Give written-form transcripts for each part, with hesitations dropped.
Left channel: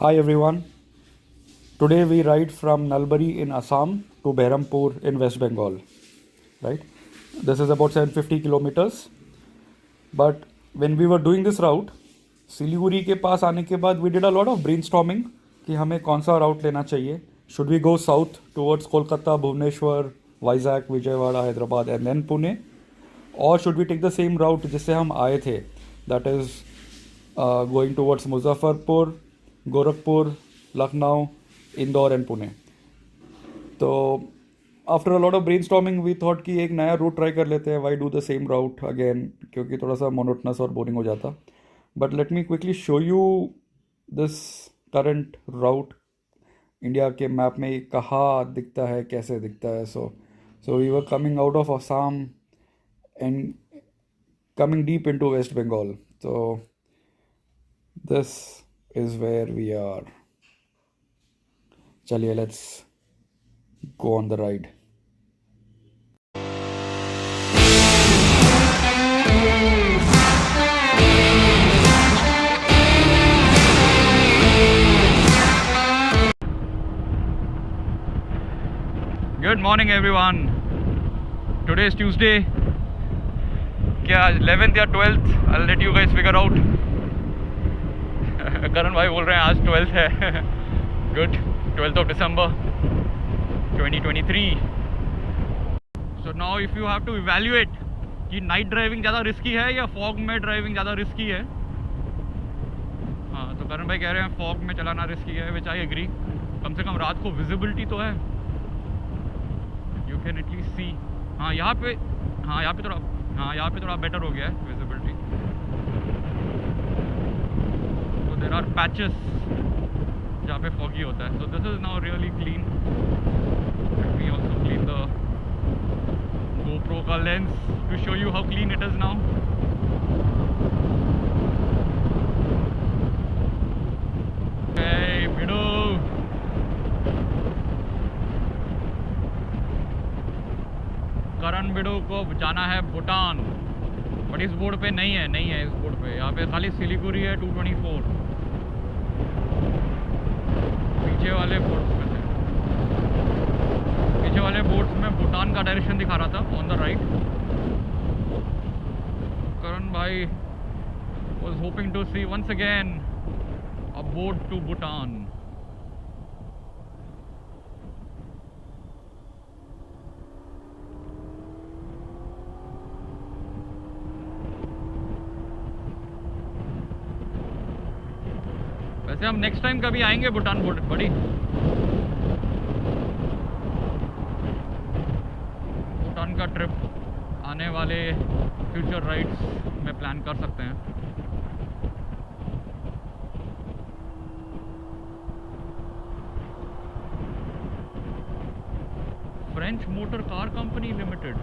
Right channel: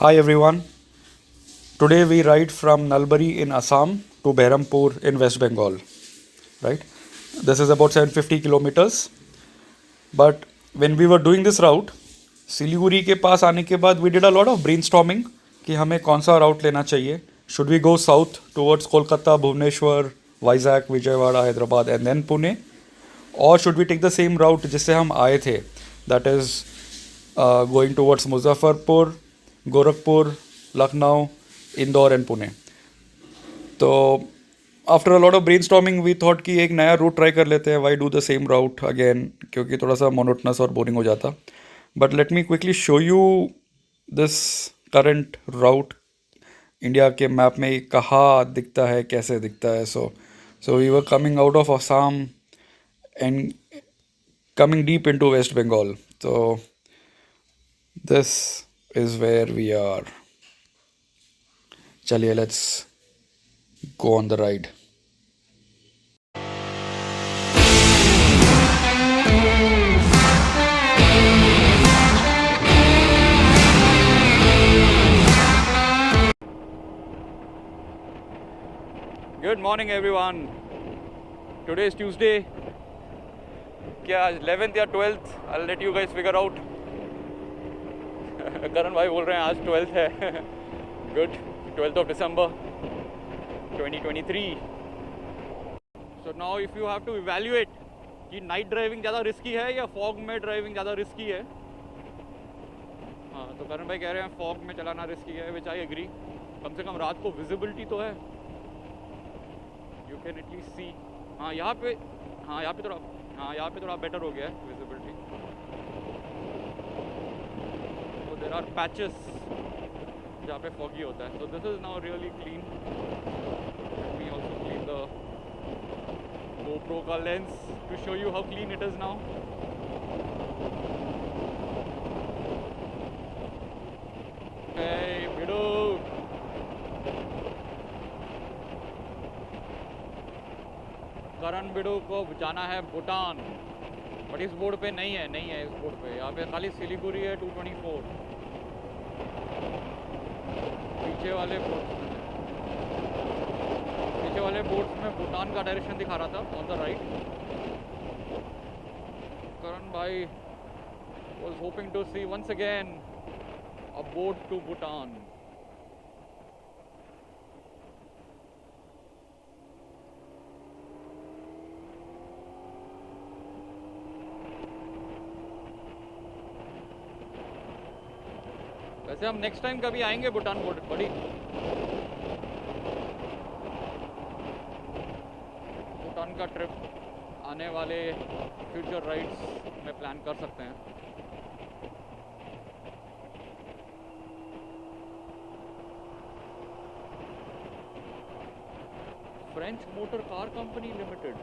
Hi everyone. Today we ride from Nalbari in Assam to Behrampur in West Bengal. Right? This is about 750 kilometers. But when we were doing this route, Siliguri के पास आने के बाद we did a lot of brainstorming कि हमें कौन सा route लेना चाहिए. Should we go south towards Kolkata, Bhubaneswar, Vizag, Vijayawada, Hyderabad and then Pune? Or should we take the same route जिससे हम आए थे? That is going towards Muzaffarpur, Gorakhpur, Lucknow, Indore and Pune. तो after a lot of brainstorming we thought कि एक नया route try कर लेते हैं. Why do the same route again, क्योंकि थोड़ा सा मोनोटनस और बोरिंग हो जाता. But let me quickly show you this current route. India के मैप में कहाँ दिखता है, कैसे दिखता है. So we were coming out of Assam and coming deep into West Bengal. So this is where we are. Chaliye, let's go on the ride. Good morning everyone. Today is Tuesday. क्या 11th या 12th? I'll let you guys figure out. करण भाई बोल रहे हैं आज 12th है. Good. 12th of December 2023. So now if you have to evaluate कि night driving ज़्यादा रिस्की है या फॉग में ड्राइविंग ज़्यादा रिस्की है. हाँ, तो करण भाई कह रहे हैं फॉग में चलाना रिस्की है, विच आई एग्री. कम से कम रात को विजिबिलिटी तो है, यू कैन एटलीस्ट सी. हाँ यहाँ पे थोड़ा बेटर हो गया है विजिबिलिटी. तो देर आर पैचेस जहाँ पे फॉगी होता है. So this is now really clean. Let me also clean the GoPro का lens to show you how clean it is now. Hey, Bidu. Karan Bidu को जाना है भूटान, बट इस बोर्ड पे नहीं है इस बोर्ड पे. यहाँ पे खाली सिलीगुड़ी है 224. पीछे वाले बोर्ड्स में भूटान का डायरेक्शन दिखा रहा था ऑन द राइट. करण भाई was hoping to see once again a board to Bhutan. वैसे हम नेक्स्ट टाइम कभी आएंगे भूटान बोर्ड बड़ी. भूटान का ट्रिप आने वाले फ्यूचर राइड्स में प्लान कर सकते हैं. French motor car company limited.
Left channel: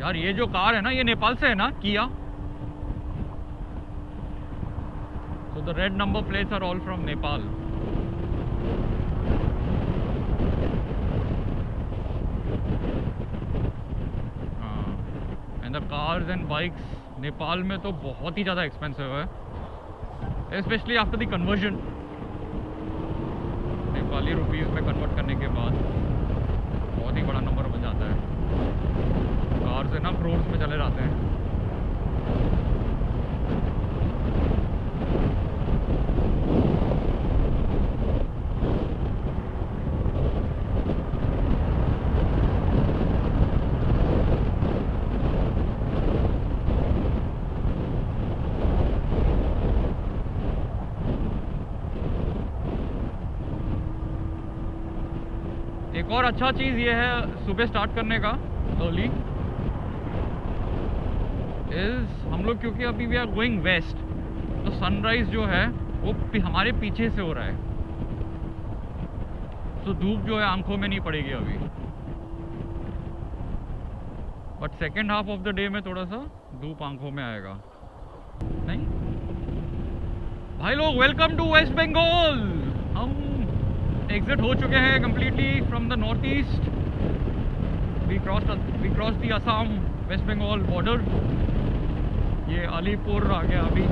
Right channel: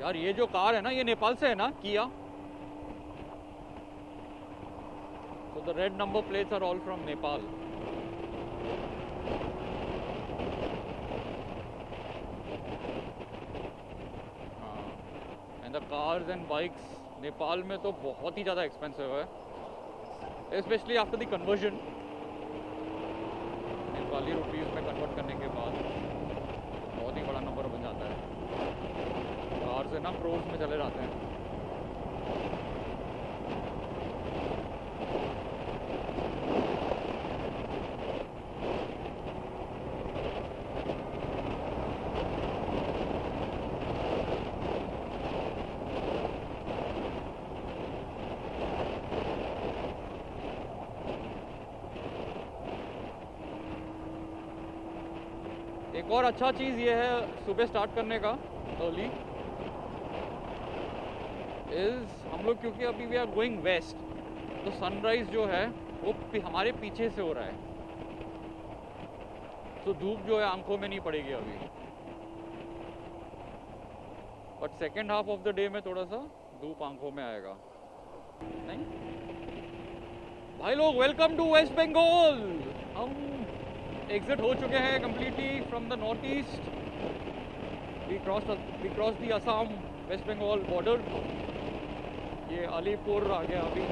यार ये जो कार है ना, ये नेपाल से है ना, किया. So the red number plates are all from Nepal. And the cars and bikes Nepal में तो बहुत ही ज़्यादा एक्सपेंसिव है, especially after the conversion. Nepali rupees में कन्वर्ट करने के बाद बहुत ही बड़ा नंबर बन जाता है. कार से ना क्रोर्स में चले जाते हैं. एक और अच्छा चीज़ ये है सुबह स्टार्ट करने का अर्ली इज़ हम लोग, क्योंकि अभी वी आर गोइंग वेस्ट, तो सनराइज़ जो है वो हमारे पीछे से हो रहा है. तो धूप जो है आंखों में नहीं पड़ेगी अभी, but second half of the day में थोड़ा सा धूप आंखों में आएगा. नहीं भाई लोग, वेलकम टू वेस्ट बंगाल. हम एग्जिट हो चुके हैं completely from the north east. We crossed the Assam West Bengal border. ये अलीपुर आ गया अभी.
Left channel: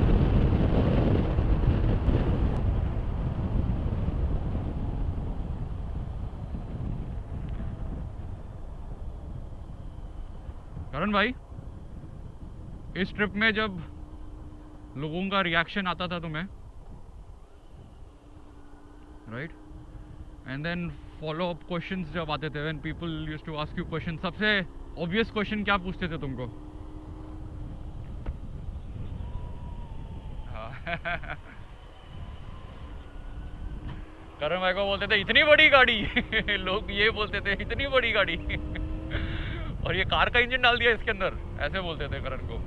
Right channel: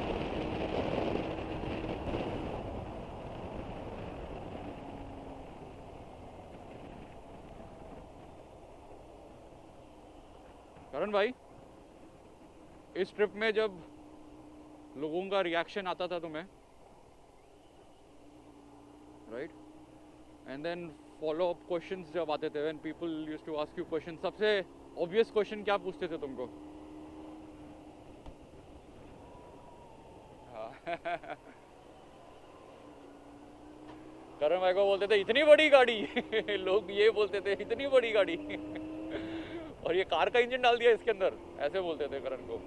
करण भाई, इस ट्रिप में जब लोगों का रिएक्शन आता था तुम्हें, right, and then follow up questions जब आते थे, when people used to ask you question, सबसे ऑब्वियस क्वेश्चन क्या पूछते थे तुमको? करण भाई को बोलते थे इतनी बड़ी गाड़ी लोग ये बोलते थे इतनी बड़ी गाड़ी और ये कार का इंजन डाल दिया इसके अंदर, ऐसे बोलते थे करण को.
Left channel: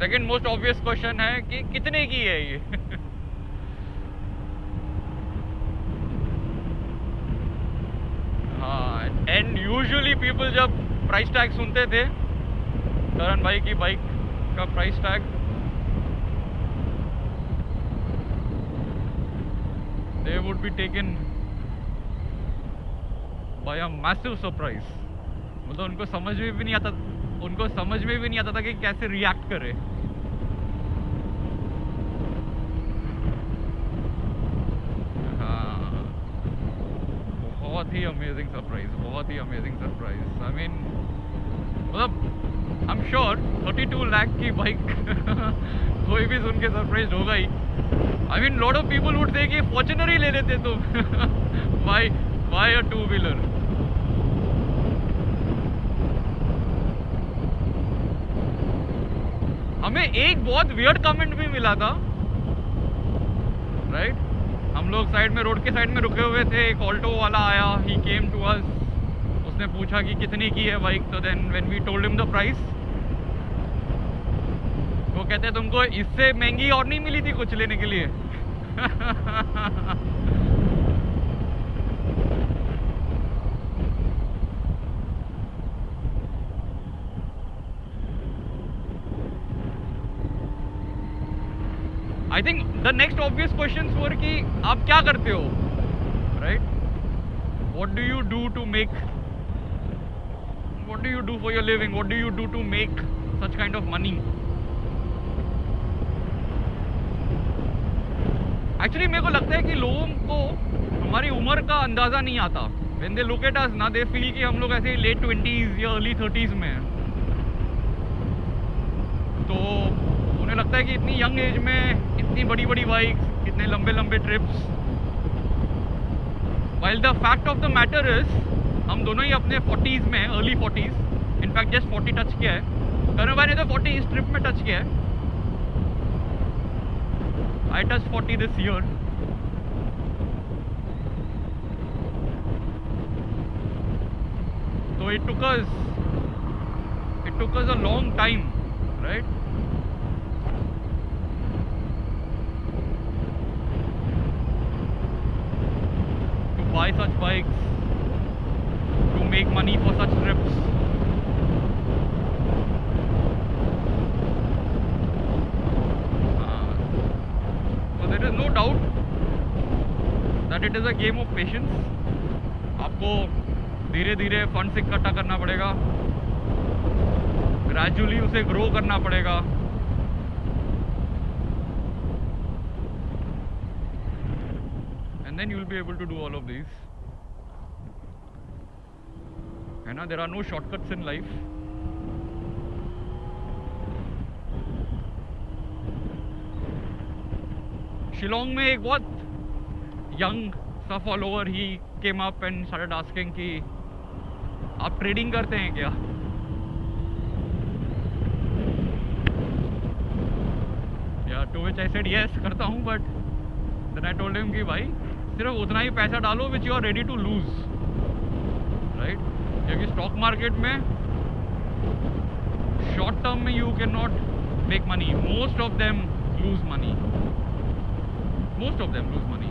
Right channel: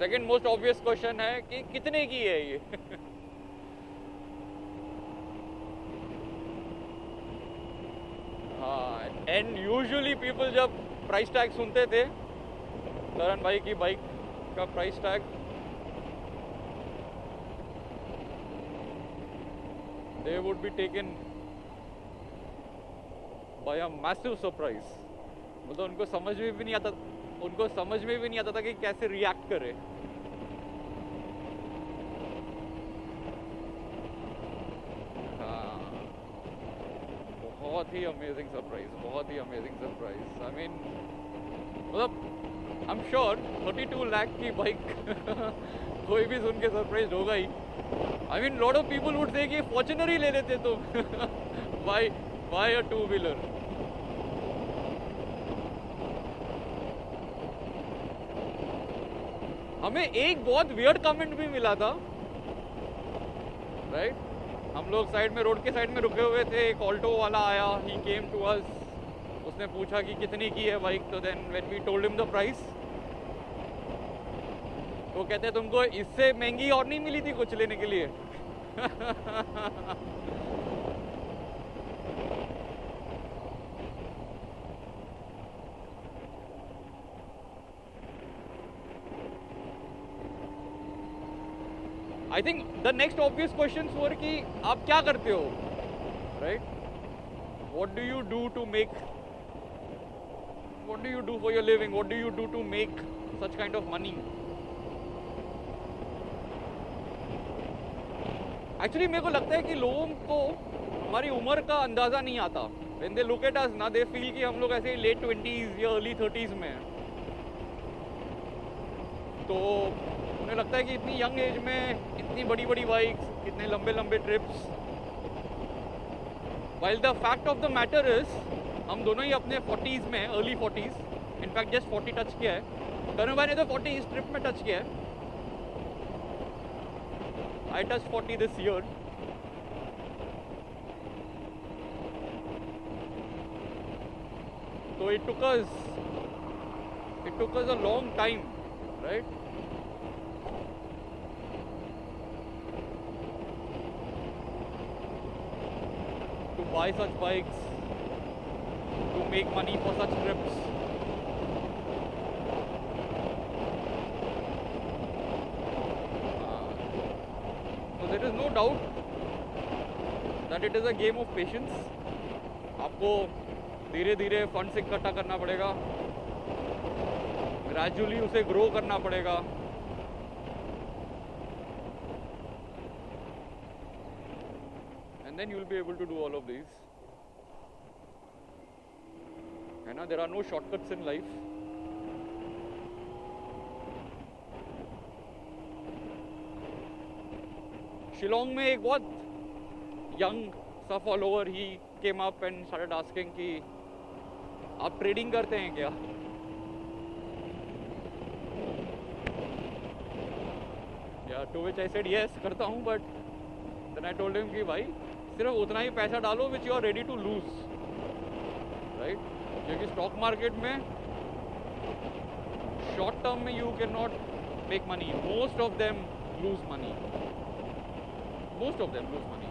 सेकंड मोस्ट ऑब्वियस क्वेश्चन है कि कितने की है ये हाँ, एंड यूजुअली पीपल जब प्राइस टैग सुनते थे करण भाई की बाइक का price tag, they would be taken by a massive surprise. मतलब उनको समझ में भी नहीं आता था कि कैसे रिएक्ट करे. हाँ, बहुत ही अमेजिंग सरप्राइज. आई मीन, मतलब आई एम श्योर 32 लाख की बाइक कोई भी सुन के सरप्राइज होगा ही. I mean, lot of people would say कि Fortuner ही ले लेते तुम why a two-wheeler? हमें एक बहुत वियर्ड कमेंट भी मिला था, राइट? हम लोग साइड में, रोड के साइड में रुके हुए थे, एक ऑल्टो वाला आया, he came to us, उसने पूछा कि कितने की है बाइक, तो then when we told him the price, वो कहते हैं तुमको इससे महंगी और नहीं मिली थी कुछ लेने के लिए I think the next obvious question were कि आप क्या करते हो, right? What do you do to make, what do you do for your living, what do you do to make such kind of money? Actually मेरे को लगता है कि लोगों को हमारी उम्र का अंदाज़ा नहीं आता. When they look at us ना, दे फील कि हम लोग ऐसे लेट 20s या अर्ली 30s में हैं. तो उन्हें लगता है कि इतनी यंग एज में इतनी बड़ी बड़ी बाइक्स, इतने लंबे लंबे trips. While the fact of the matter is हम दोनों ही अपने 40s में, early 40s, in fact just 40 touch किया है. करण भाई ने तो 40 इस ट्रिप में टच किया है. I touched 40 this year. So it took us a long time, right? To buy such bikes, to make money for such trips. There is no doubt that it is a game of patience. आपको धीरे धीरे funds इकट्ठा करना पड़ेगा, gradually उसे grow करना पड़ेगा. And then you will be able to do all of these. है ना? There are no shortcuts in life. Shillong में एक बहुत यंग सा फॉलोअर ही came up and started asking कि आप ट्रेडिंग करते हैं क्या? या to which I said yes, करता हूँ, but then I told him कि भाई सिर्फ उतना ही पैसा डालो which you are ready to lose, right? क्योंकि स्टॉक मार्केट में शॉर्ट टर्म में you can not make money. Most of them lose money.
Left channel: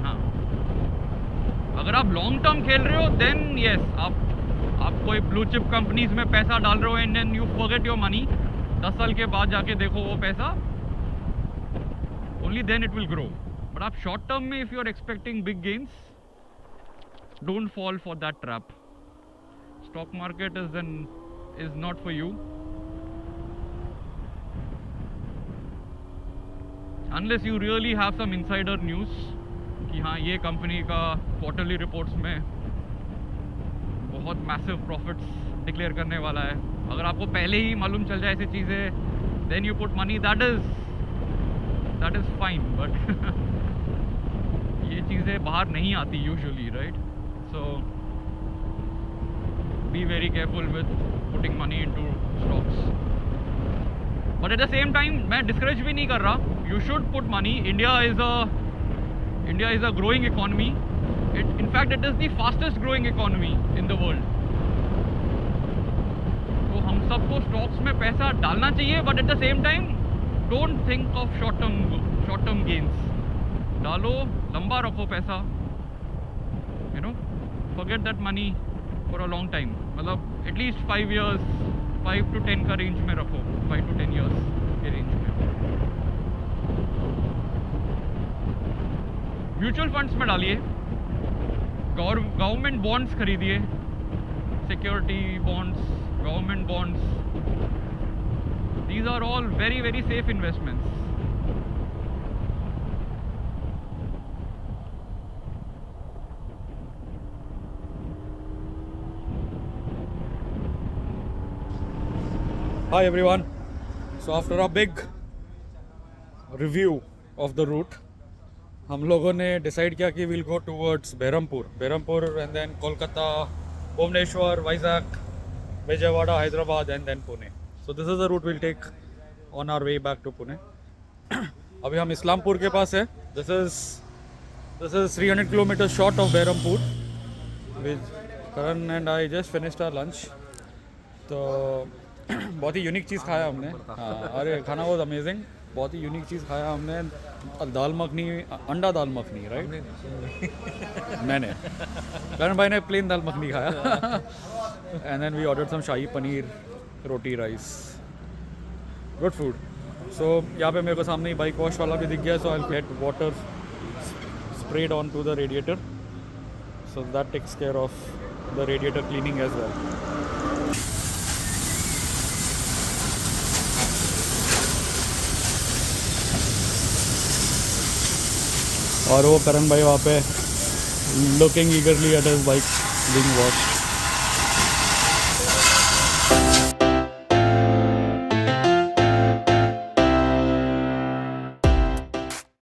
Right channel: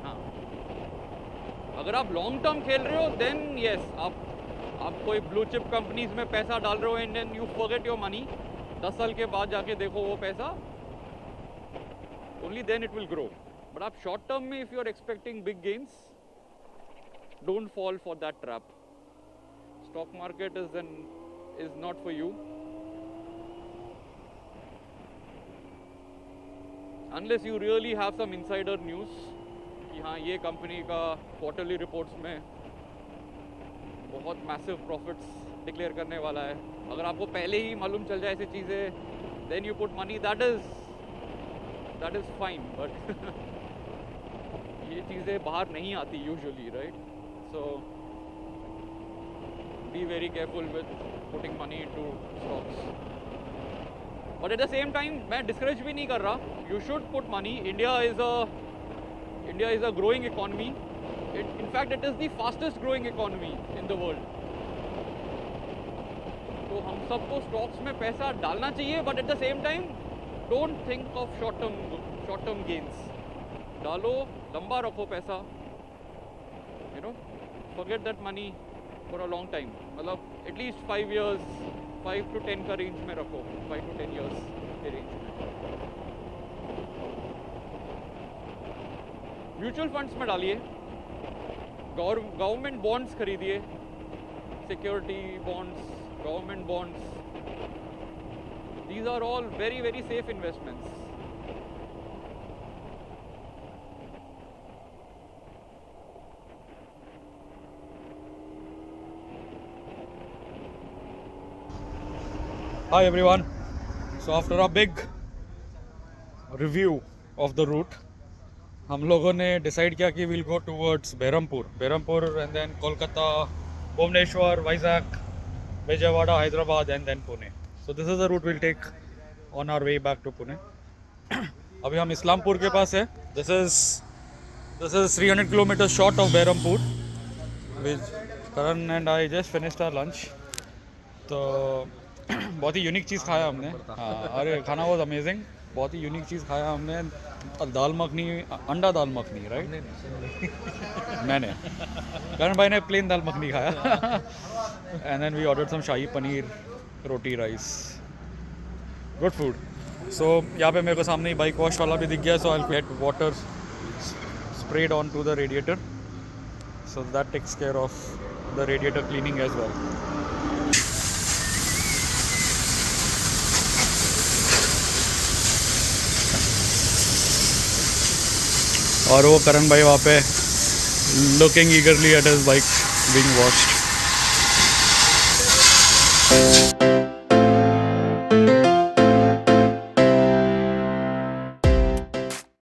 हाँ, अगर आप लॉन्ग टर्म खेल रहे हो देन यस, आप कोई ब्लू चिप कंपनीज में पैसा डाल रहे हो and then you forget your money. 10 साल के बाद जाके देखो वो पैसा, only then it will grow. But आप शॉर्ट टर्म में if you are expecting big gains, don't fall for that trap. Stock market is not for you unless you really have some insider news कि हाँ ये company का quarterly reports में बहुत massive profits declare करने वाला है. अगर आपको पहले ही मालूम चल जाए ऐसी चीज़ें, then you put money, that is fine. But ये चीज़ें बाहर नहीं आती usually, right? So be very careful with putting money into stocks. But at the same time मैं डिस्करेज भी नहीं कर रहा. You should put money. India is a growing economy. In fact, it is the fastest growing economy in the world. तो हम सबको stocks में पैसा डालना चाहिए, but at the same time don't think of short term gains. डालो, लंबा रखो पैसा, you know, forget that money for a long time. मतलब एटलीस्ट 5 years, 5 to 10 का रेंज में रखो, 5 to 10 years के रेंज में. म्यूचुअल फंड्स में डालिए, गवर्नमेंट बॉन्ड्स खरीदिए, security bonds, government bonds. These are all very very safe investments. Hi everyone. So after a big review of the route, हम लोगों ने डिसाइड किया कि we'll go towards Berhampur and then Kolkata, Bhubaneswar, Vizag, Vijayawada, Hyderabad and then Pune. So this is the route we'll take on our way back to Pune. अभी हम इस्लामपुर के पास है. This is 300 kilometers short of Berhampur. With Karan and I just finished our lunch. तो बहुत ही unique चीज़ खाया हमने. हाँ, अरे खाना वॉज अमेजिंग. बहुत ही यूनिक चीज़ खाया हमने. दाल मखनी, अंडा दाल मखनी, राइट? मैंने, करण भाई ने प्लेन दाल मखनी खाया. And then we ordered some shahi paneer, roti, rice. Good food. So यहाँ पे मेरे को सामने ही बाइक वॉश वाला भी दिख गया. So I will get water spread on to the radiator. So that takes care of the radiator cleaning as well. और वो करण भाई वहाँ पे looking eagerly at his bike being washed.